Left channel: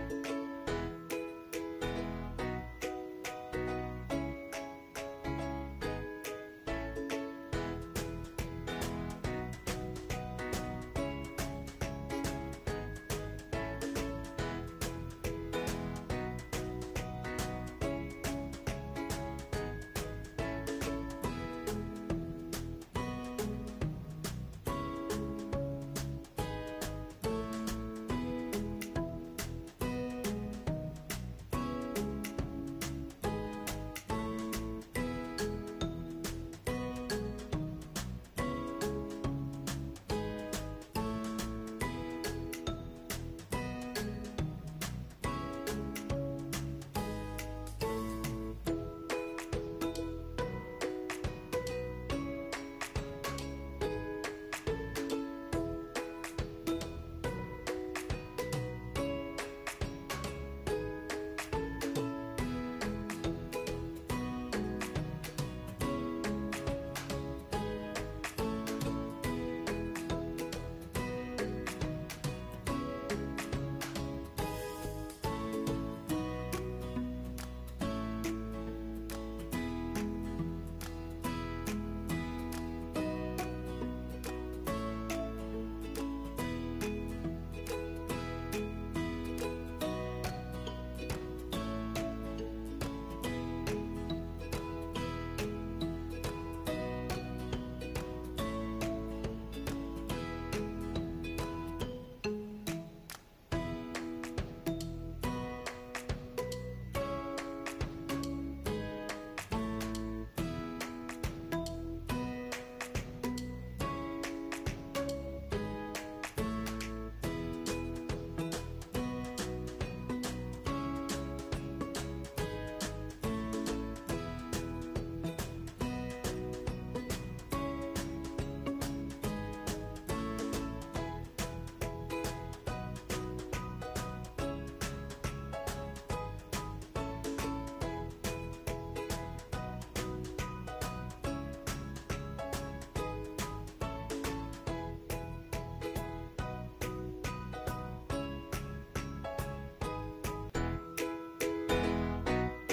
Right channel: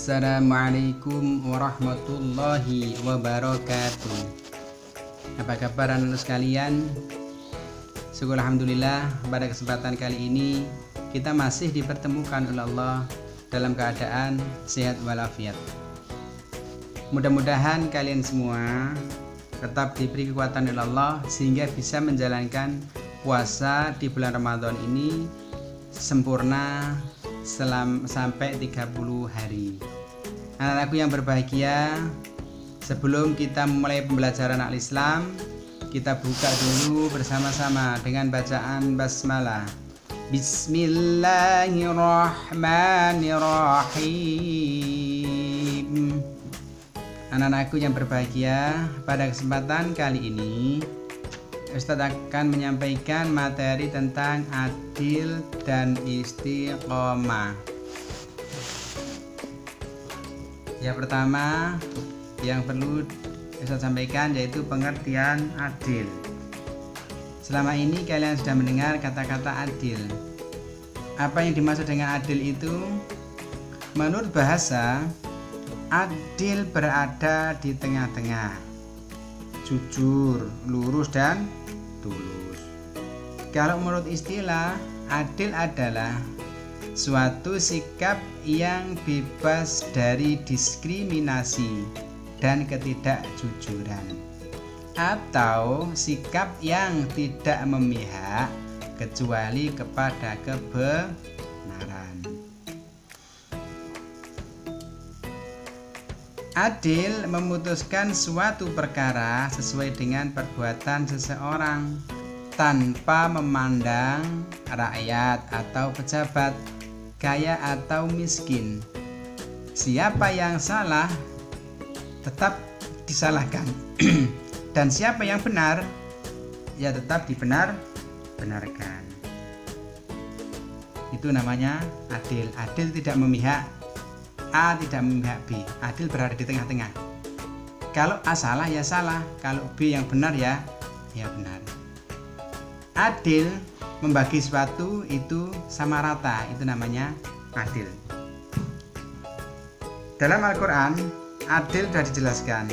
Assalamualaikum warahmatullahi wabarakatuh. Apa kabar anak-anak sekalian? Syukur alhamdulillah pada kesempatan kali ini kita masih dipertemukan oleh Allah dalam keadaan sehat walafiat. Mudah-mudahan kalian semua tetap diberi kekuatan oleh Allah sehingga bisa menjalankan puasa di bulan Ramadan ini sempurna sampai 30 hari. Anak-anakku yang berbahagia, sebelum kita memulai pembelajaran Al-Islam, kita buka dulu bersama-sama dengan bacaan basmalah. Bismillahirrahmanirrahim. Anak-anakku yang berbahagia, pada kesempatan kali ini Ustadz akan menyampaikan materi tentang adil dan istiqomah. Yang pertama yang perlu Ustadz sampaikan yaitu pengertian adil. Selama ini kalian sudah mendengar kata-kata adil. Apa yang dimaksud dengan adil itu? Menurut bahasa, adil berada di tengah-tengah, jujur, lurus, dan tulus. Kalau menurut istilah, adil adalah suatu sikap yang bebas dari diskriminasi dan ketidakjujuran, atau sikap yang tidak memihak kecuali kepada kebenaran. Adil memutuskan suatu perkara sesuai dengan perbuatan seseorang tanpa memandang rakyat atau pejabat, kaya atau miskin. Siapa yang salah tetap disalahkan dan siapa yang benar ya tetap dibenarkan. Itu namanya adil. Adil tidak memihak A, tidak memihak B. Adil berada di tengah-tengah. Kalau A salah ya salah, kalau B yang benar ya benar. Adil membagi sesuatu itu sama rata, itu namanya adil. Dalam Al-Quran, adil sudah dijelaskan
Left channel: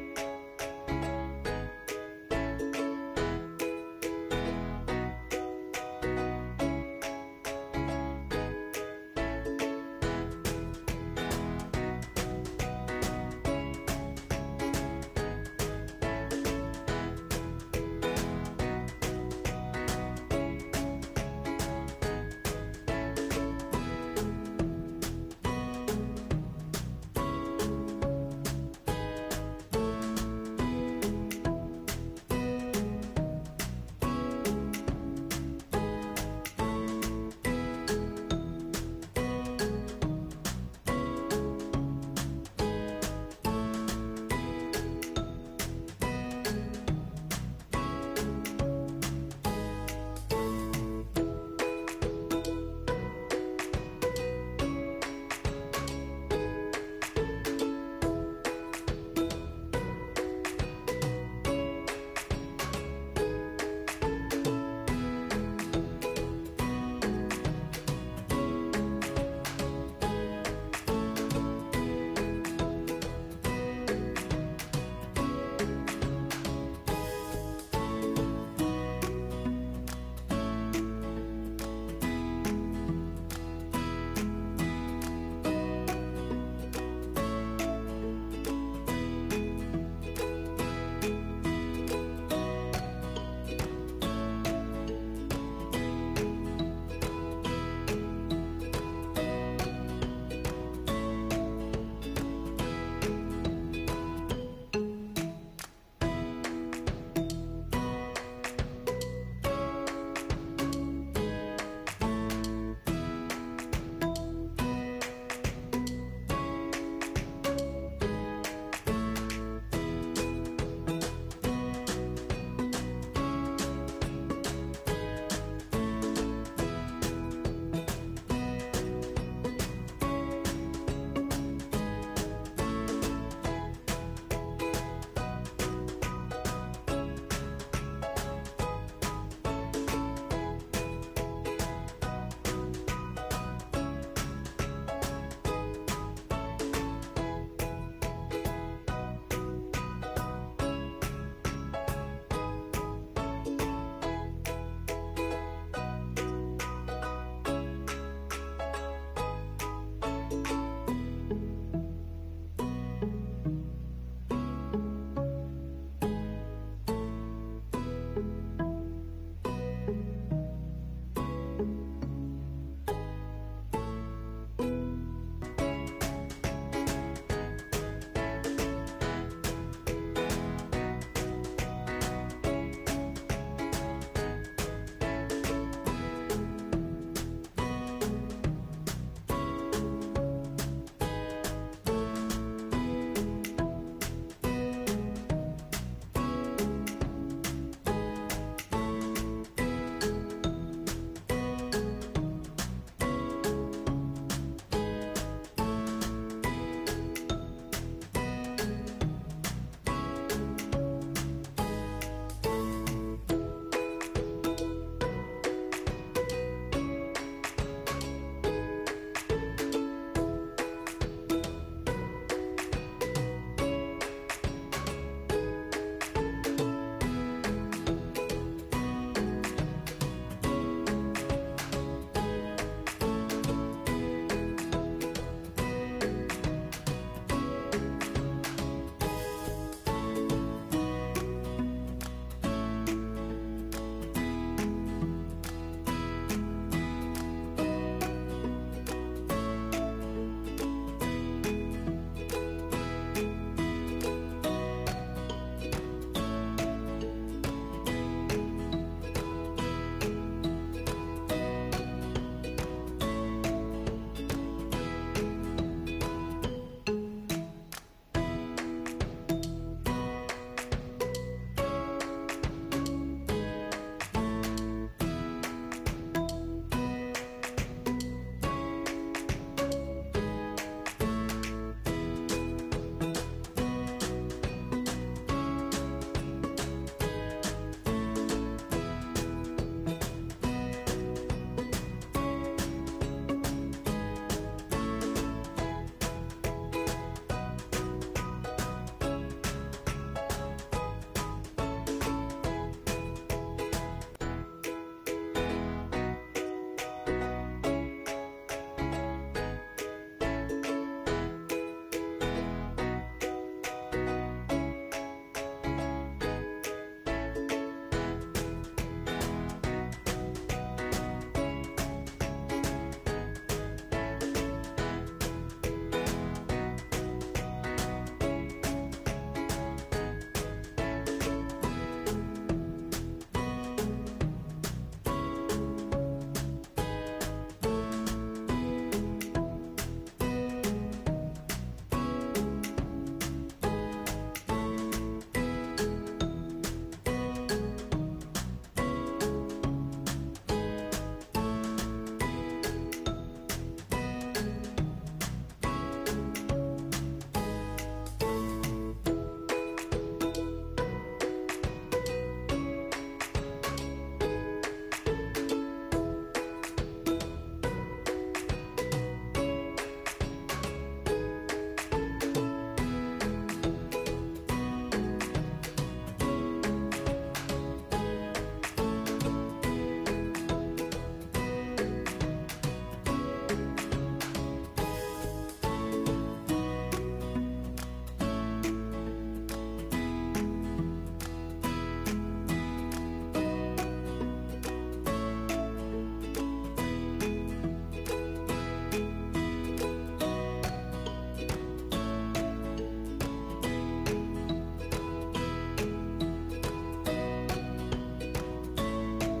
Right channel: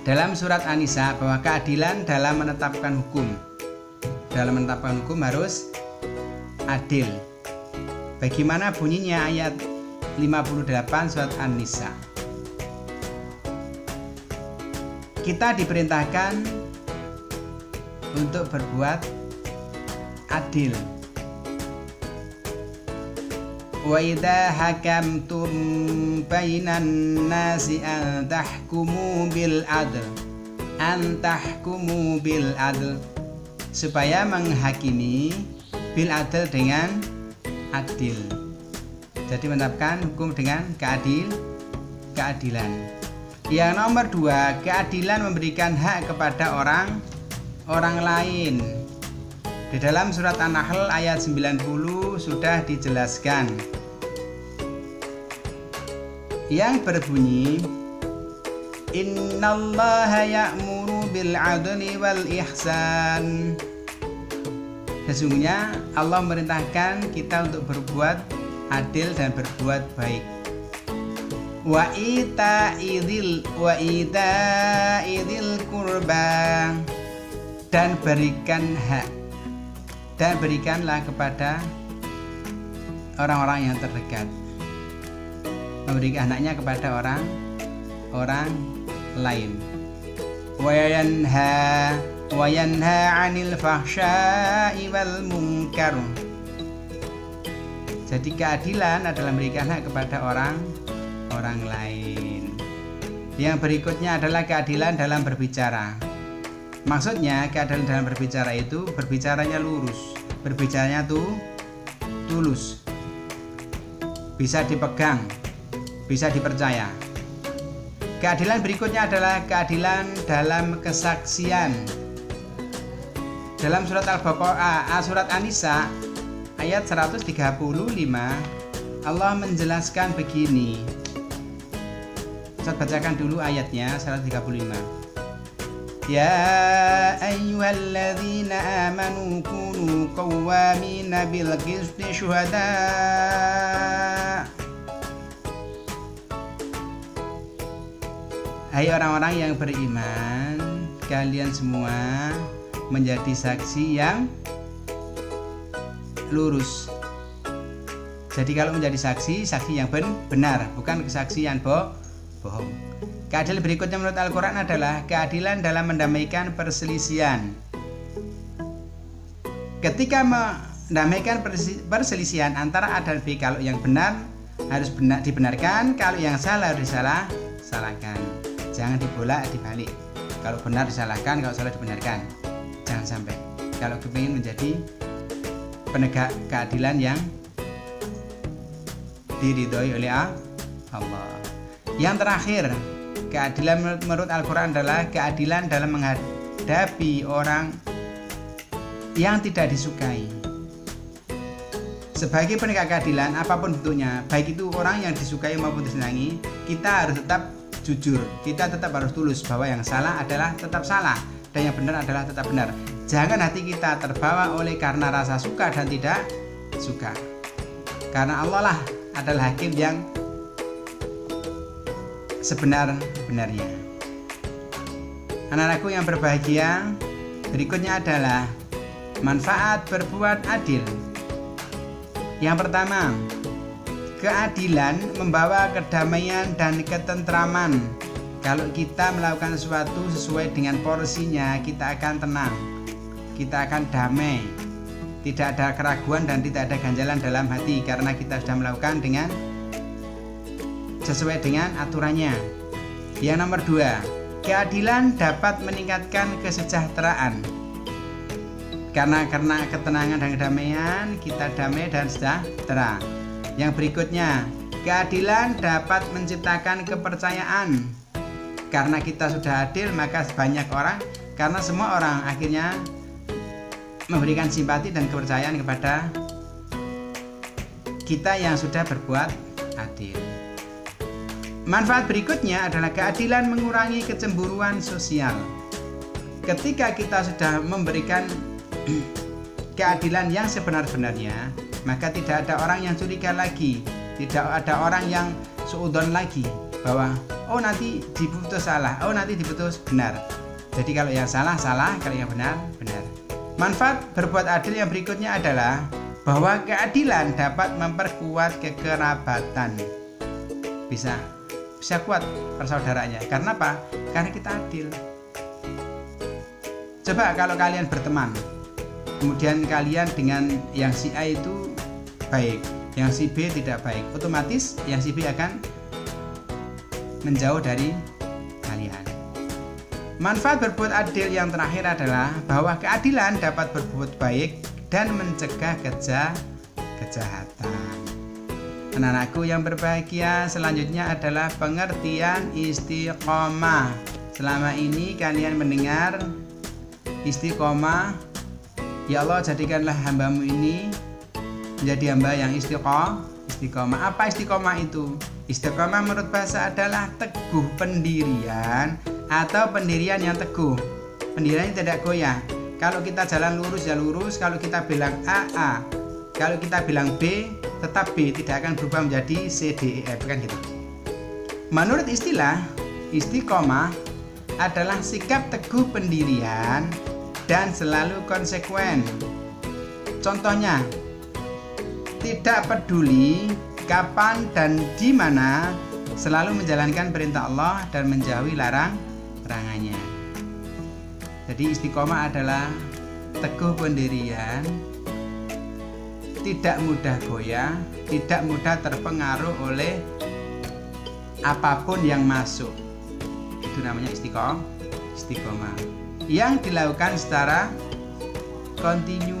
dalam surat An-Nisa bahwa keadilan dalam menetapkan hukum. Dalam menetapkan hukum harus adil. Bagaimana bunyinya ayat 58 surat An-Nisa? Kita diperintahkan untuk berbuat adil. Wa idza hakamtum bainan nasi an tahkumu bil adl, supaya menghakimi bil adl dengan adil. Jadi menetapkan hukum dengan keadilan. Yang nomor 2, keadilan memberikan hak kepada orang lain. Di dalam surat An-Nahl ayat 90 sudah dijelaskan, yang berbunyi, innallaha ya'muru bil adli wal ihsan. Sesungguhnya Allah memerintahkan kita untuk berbuat adil dan berbuat baik. Wa ita'idil qurba, dan berikan hak, dan berikanlah kepada orang-orang yang terdekat. Memberikan haknya kepada orang lain. Wa yanha 'anil fahsya'i wal munkar. Jadi keadilan adalah memberikan hak kepada orang lain. Yang berikutnya adalah keadilan dalam berbicara. Maksudnya keadilan dalam berbicara itu berbicaranya lurus, berbicaranya tulus, bisa dipegang, bisa dipercaya. Keadilan berikutnya adalah keadilan dalam kesaksian. Dalam surat surat An-Nisa ayat 135 Allah menjelaskan begini. Saya bacakan dulu ayatnya 135. Ya ayyuhalladzina amanu kunu qawwamina bil qisti syuhada Hai orang-orang yang beriman, kalian semua menjadi saksi yang lurus. Jadi kalau menjadi saksi yang benar, bukan kesaksian bohong. Keadilan berikutnya menurut Al-Quran adalah keadilan dalam mendamaikan perselisihan. Ketika mendamaikan perselisihan antara A dan B, kalau yang benar harus dibenarkan, kalau yang salah harus disalahkan. Jangan dibalik. Kalau benar disalahkan, kalau salah dibenarkan. Jangan sampai. Kalau kepingin menjadi penegak keadilan yang diridhoi oleh Allah. Yang terakhir, keadilan menurut Al-Quran adalah keadilan dalam menghadapi orang yang tidak disukai. Sebagai penegak keadilan apapun bentuknya, baik itu orang yang disukai maupun disenangi, kita harus tetap jujur, kita tetap harus tulus bahwa yang salah adalah tetap salah dan yang benar adalah tetap benar. Jangan hati kita terbawa oleh karena rasa suka dan tidak suka. Karena Allah lah adalah hakim yang sebenar-benarnya. Anak-anakku yang berbahagia, berikutnya adalah manfaat berbuat adil. Yang pertama, keadilan membawa kedamaian dan ketentraman. Kalau kita melakukan sesuatu sesuai dengan porsinya, kita akan tenang, kita akan damai. Tidak ada keraguan dan tidak ada ganjalan dalam hati karena kita sudah melakukan dengan sesuai dengan aturannya. Yang nomor 2, keadilan dapat meningkatkan kesejahteraan. Karena ketenangan dan kedamaian, kita damai dan sejahtera. Yang berikutnya, keadilan dapat menciptakan kepercayaan. Karena kita sudah adil, maka banyak orang, karena semua orang akhirnya memberikan simpati dan kepercayaan kepada kita yang sudah berbuat adil. Manfaat berikutnya adalah keadilan mengurangi kecemburuan sosial. Ketika kita sudah memberikan keadilan yang sebenar-benarnya, maka tidak ada orang yang curiga lagi, tidak ada orang yang suudzon lagi bahwa oh nanti diputus salah, oh nanti diputus benar. Jadi kalau yang salah, kalau yang benar. Manfaat berbuat adil yang berikutnya adalah bahwa keadilan dapat memperkuat kekerabatan. Bisa kuat persaudaranya. Karena apa? Karena kita adil. Coba kalau kalian berteman, kemudian kalian dengan yang si A itu baik, yang si B tidak baik, otomatis yang si B akan menjauh dari kalian. Manfaat berbuat adil yang terakhir adalah bahwa keadilan dapat berbuat baik dan mencegah kejahatan. Anak-anakku yang berbahagia, selanjutnya adalah pengertian istiqomah. Selama ini kalian mendengar istiqomah, ya Allah jadikanlah hambamu ini menjadi hamba yang istiqomah. Apa istiqomah itu? Istiqomah menurut bahasa adalah teguh pendirian atau pendirian yang teguh. Pendirian yang tidak goyah. Kalau kita jalan lurus ya lurus, kalau kita bilang A. Kalau kita bilang B, tetap B, tidak akan berubah menjadi C, D, E, F, kan gitu. Menurut istilah, istiqomah adalah sikap teguh pendirian dan selalu konsekuen. Contohnya, tidak peduli kapan dan di mana, selalu menjalankan perintah Allah dan menjauhi larangannya. Jadi istiqomah adalah teguh pendirian, tidak mudah goyah, tidak mudah terpengaruh oleh apapun yang masuk. Itu namanya istiqomah. Yang dilakukan secara kontinu,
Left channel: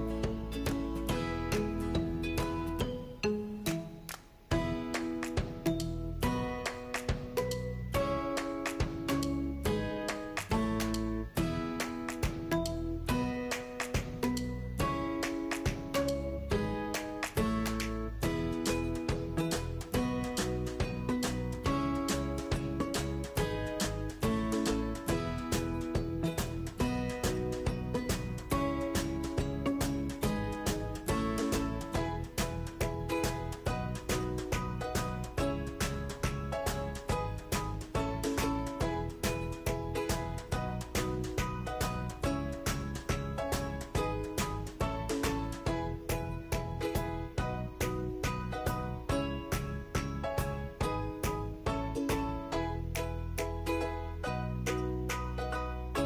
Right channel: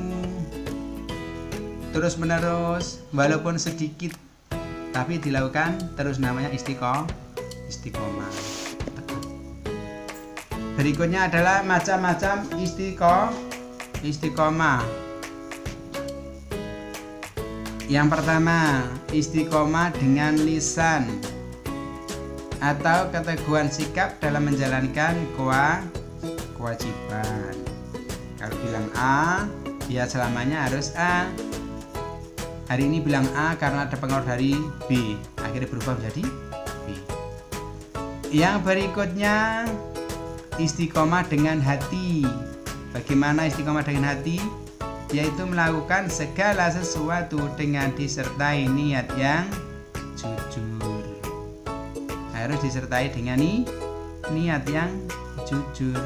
terus menerus, walaupun sedikit, tapi dilakukan terus, namanya istiqomah. Berikutnya adalah macam-macam istiqomah. Yang pertama, istiqomah dengan lisan atau keteguhan sikap dalam menjalankan kewajiban. Kalau bilang A, ya selamanya harus A. Hari ini bilang A karena ada pengaruh dari B, akhirnya berubah menjadi B. Yang berikutnya istiqomah dengan hati. Bagaimana istiqomah dengan hati? Yaitu melakukan segala sesuatu dengan disertai niat yang jujur. Harus disertai dengan niat yang jujur.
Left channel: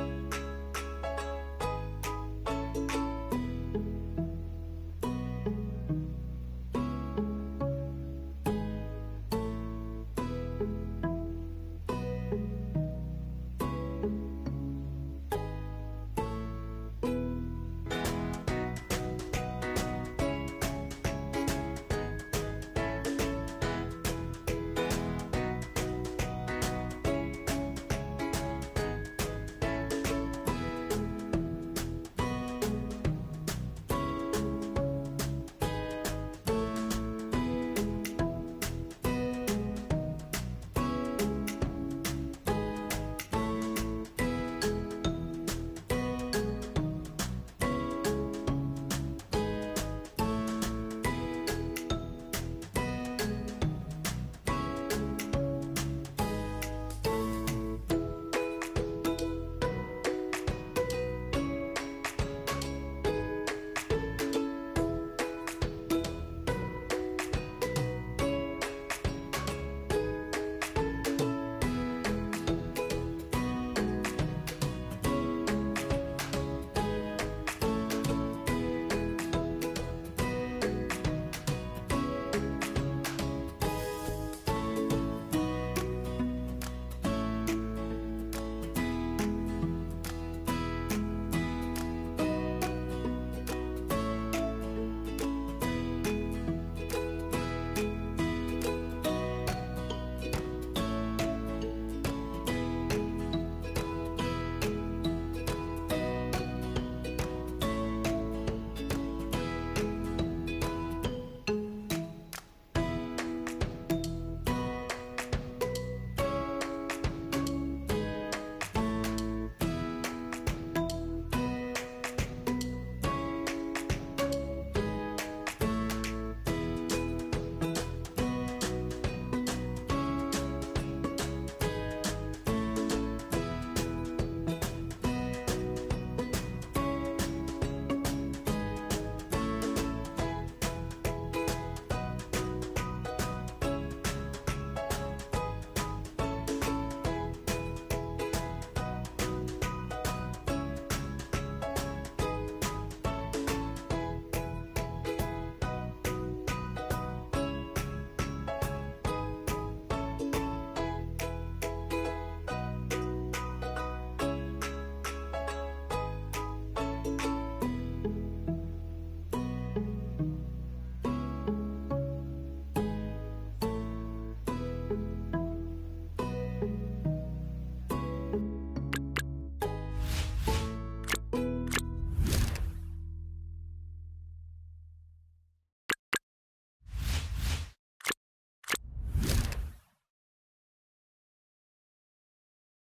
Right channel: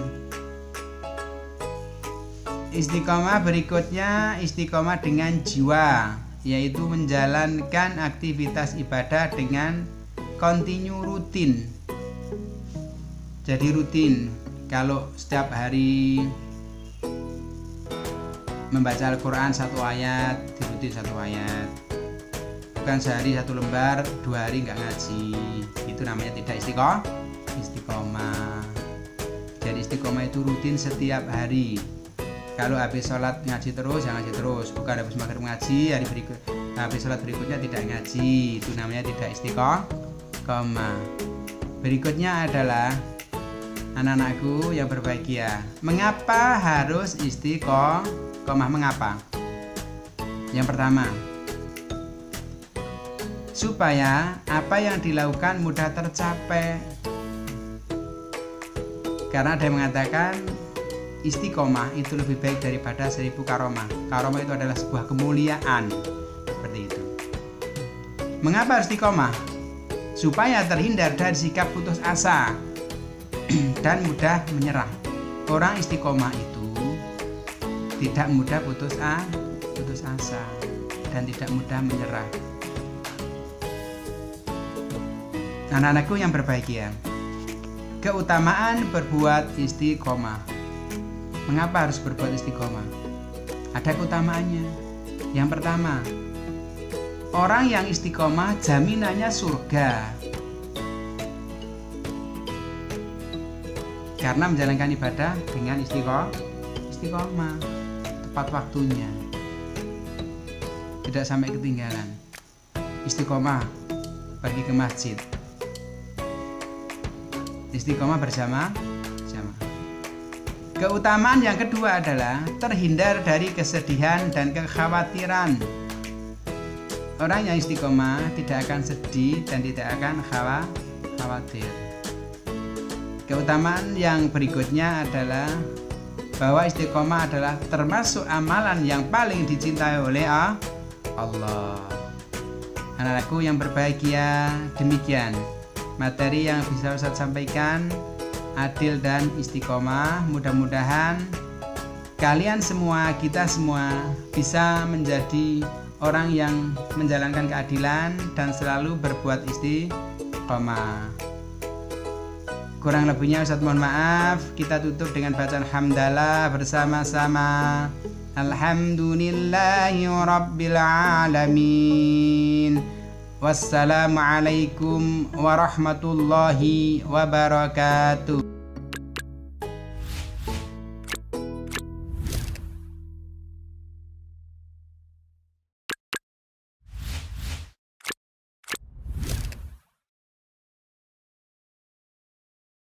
Istiqomah berikutnya istiqomah dengan jiwa, yaitu menjalankan aktivitas ibadah dengan kontinu rutin. Jadi rutin. Kalau setiap hari membaca Al-Quran 1 ayat, diikuti 1 ayat. Bukan sehari 1 lembar, 2 hari nggak ngaji. Itu namanya tidak istiqomah. Jadi istiqomah itu rutin setiap hari. Kalau habis sholat ngaji terus, ya ngaji terus. Bukan habis maghrib ngaji, hari berikut habis sholat berikutnya tidak ngaji. Itu namanya tidak istiqomah. Berikutnya adalah anak-anakku yang berbahagia. Mengapa harus istiqomah? Mengapa? Yang pertama, supaya apa yang dilakukan mudah tercapai. Karena ada yang mengatakan istiqomah itu lebih baik daripada 1000 karomah. Karomah itu adalah sebuah kemuliaan. Seperti itu. Mengapa istiqomah? Supaya terhindar dari sikap putus asa dan mudah menyerah. Orang istiqomah itu tidak mudah putus asa dan tidak mudah menyerah. Anak-anakku yang berbahagia, keutamaan berbuat istiqomah. Mengapa harus berbuat istiqomah? Ada keutamaannya. Yang pertama, orang yang istiqomah jaminannya surga. Karena menjalankan ibadah dengan istiqomah, tepat waktunya, tidak sampai ketinggalan. Istiqomah pergi ke masjid, istiqomah bersama. Keutamaan yang kedua adalah terhindar dari kesedihan dan kekhawatiran. Orang yang istiqomah tidak akan sedih dan tidak akan khawatir. Keutamaan yang berikutnya adalah bahwa istiqomah adalah termasuk amalan yang paling dicintai oleh Allah. Anak-anakku yang berbahagia, demikian materi yang bisa Ustaz sampaikan, adil dan istiqomah. Mudah-mudahan kalian semua, kita semua bisa menjadi orang yang menjalankan keadilan dan selalu berbuat istiqomah. Kurang lebihnya Ustaz mohon maaf. Kita tutup dengan bacaan hamdalah bersama-sama. Alhamdulillahi rabbil alamin. Wassalamualaikum warahmatullahi wabarakatuh.